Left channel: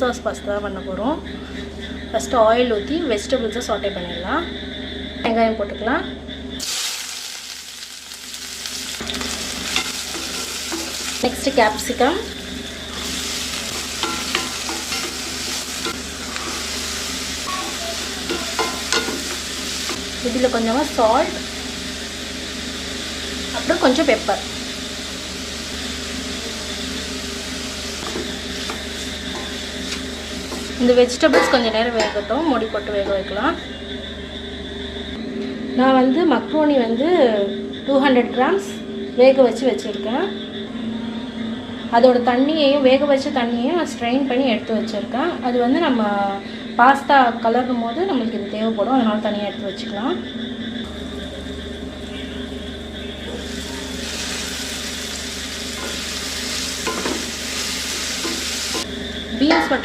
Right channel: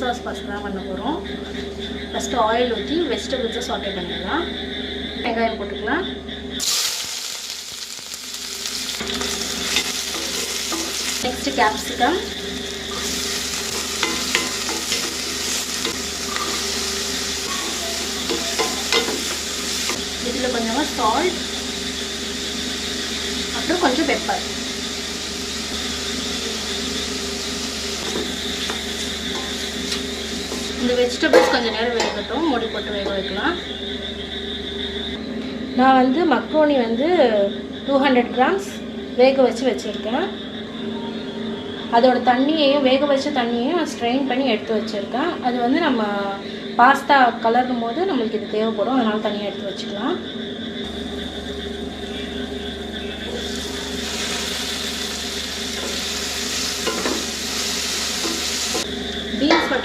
Sauce pasta தான் பண்ண போகிறோம். ஃபஸ்ட்டு ஆயில் ஊற்றி வெஜிடபிள்ஸை சாட்டே பண்ணிடலாம். வெங்காயம் போட்டுக்கலாம். நெக்ஸ்ட்டு கேப்சிகம், இதில் கொஞ்சமாக சால்ட், அப்புறம் கொஞ்சம் பெப்பர். இந்த வெஜிடபிள்ஸ் கொஞ்சம் நேரம் வேகட்டும், மூடி போட்டு வேக வைக்கலாம். நான் வந்து மக்ரோனி வந்து 200 கிராம்ஸ் வேக வச்சு வச்சுருக்கேன். அதோட தண்ணியையும் வேக வச்ச தண்ணியையும் நான் ஸ்ட்ரெயின் பண்ணி எடுத்து வச்சுருக்கேன். அது வந்து நம்ம பாஸ்தா கலரும் போது நம்மளுக்கு இது தேவைப்படும், அதனால் தனியாக எடுத்து வச்சுக்கலாம்.